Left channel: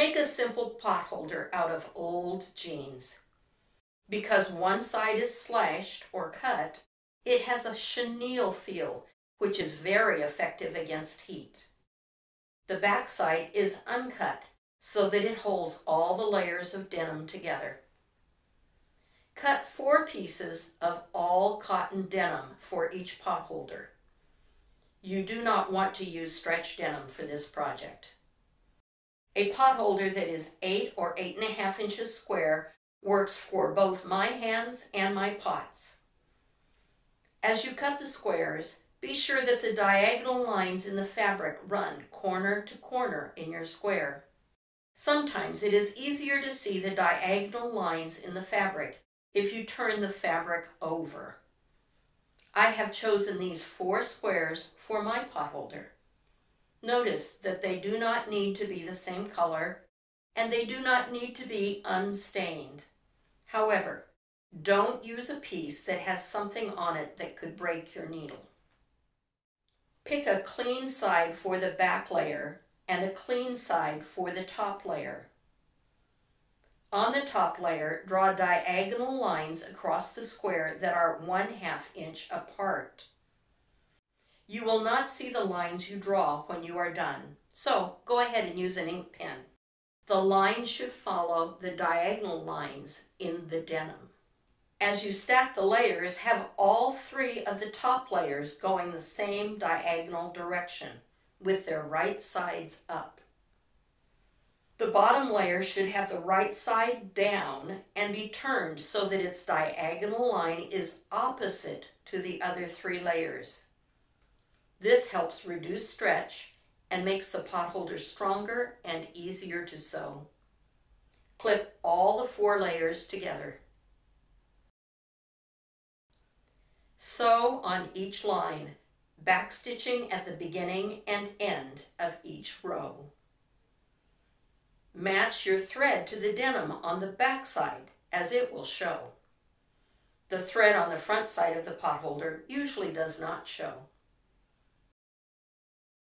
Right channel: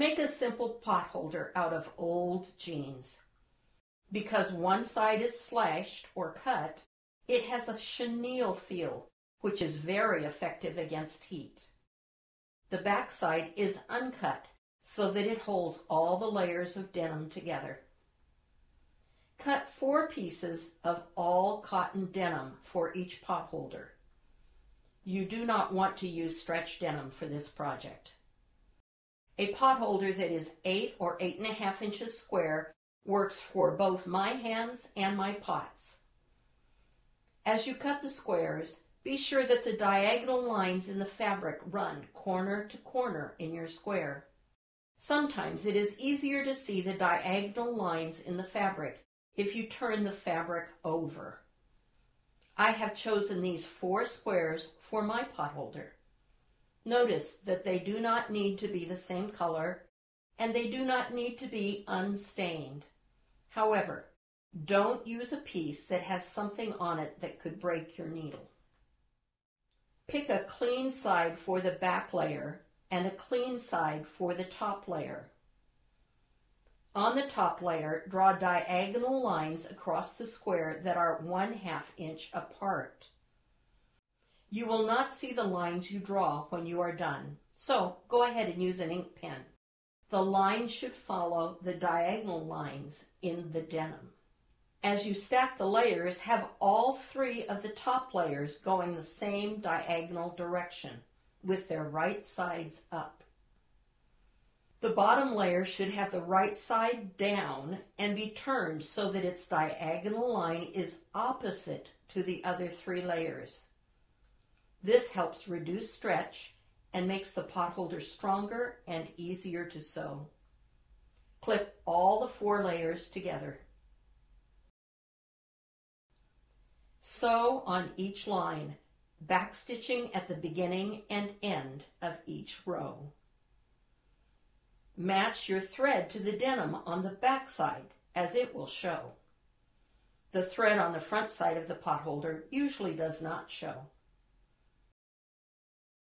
Make a simple pot holder out of old jeans. Because one side is slashed or cut, it has a chenille feel, which is very effective against heat. The back side is uncut, so that it holds all the layers of denim together. Cut 4 pieces of all cotton denim for each pot holder. You do not want to use stretch denim for this project. A pot holder that is 8 or 8.5 inches square works for both my hands and my pots. As you cut the squares, be sure that the diagonal lines in the fabric run corner to corner in your square. Sometimes it is easier to see the diagonal lines in the fabric if you turn the fabric over. I have chosen these 4 squares for my pot holder. Notice that they do not need to be the same color, and they do not need to be unstained. However, don't use a piece that has something on it that could break your needle. Pick a clean side for the back layer and a clean side for the top layer. On the top layer, draw diagonal lines across the square that are 1/2 inch apart. You will not see the lines you draw when you are done, so go ahead and use an ink pen. The lines should follow the diagonal lines in the denim. As you stack the layers, have all 3 of the top layers going the same diagonal direction with their right sides up. The bottom layer should have the right side down and be turned so that its diagonal line is opposite to the other 3 layers. This helps reduce stretch and makes the pot holder stronger and easier to sew. Clip all the 4 layers together. Sew on each line, backstitching at the beginning and end of each row. Match your thread to the denim on the back side, as it will show. The thread on the front side of the pot holder usually does not show.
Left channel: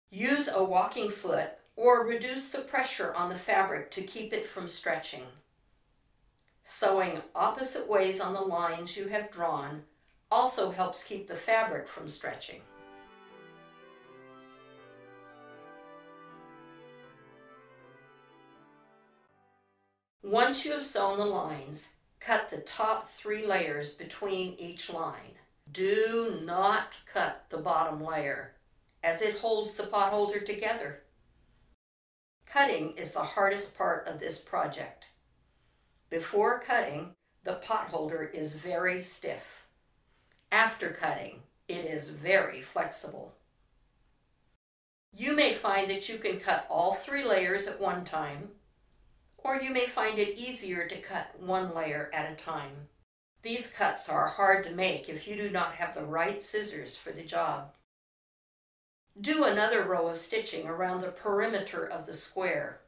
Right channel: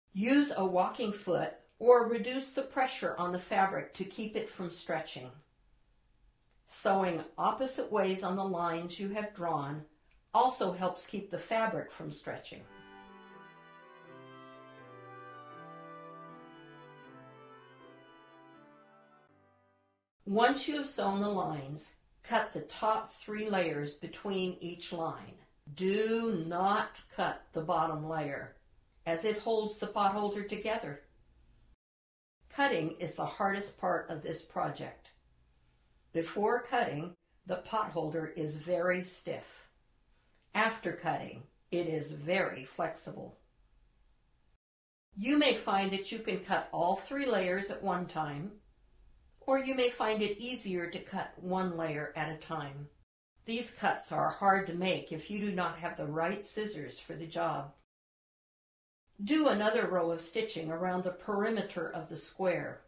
Use a walking foot or reduce the pressure on the fabric to keep it from stretching. Sewing opposite ways on the lines you have drawn also helps keep the fabric from stretching. Once you have sewn the lines, cut the top 3 layers between each line. Do not cut the bottom layer, as it holds the pot holder together. Cutting is the hardest part of this project. Before cutting, the pot holder is very stiff. After cutting, it is very flexible. You may find that you can cut all 3 layers at one time, or you may find it easier to cut 1 layer at a time. These cuts are hard to make if you do not have the right scissors for the job. Do another row of stitching around the perimeter of the square.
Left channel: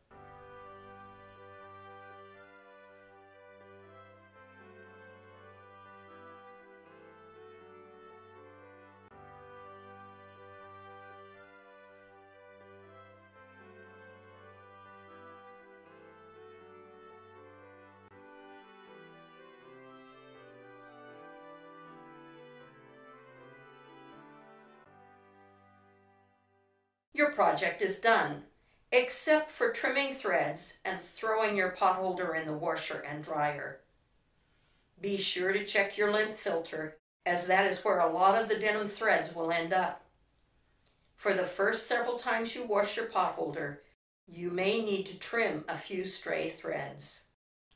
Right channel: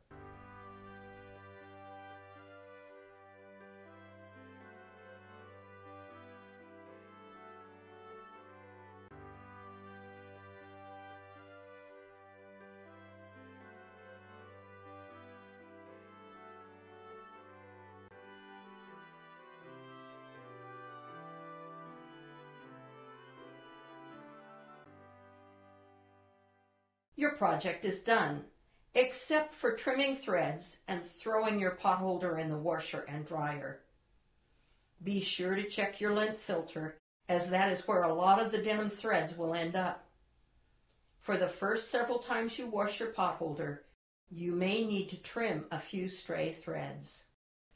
Your project is done, except for trimming threads and throwing your pot holder in the washer and dryer. Be sure to check your lint filter, as that is where a lot of the denim threads will end up. For the first several times you wash your pot holder, you may need to trim a few stray threads.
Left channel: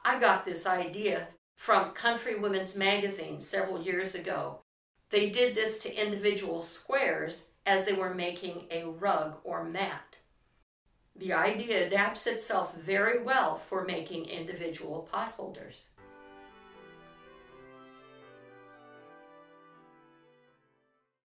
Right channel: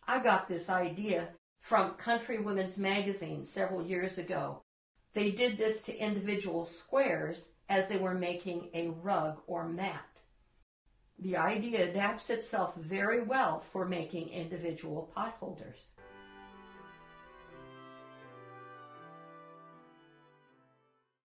I got this idea from Country Women's Magazine several years ago. They did this to individual squares as they were making a rug or mat. The idea adapts itself very well for making individual pot holders.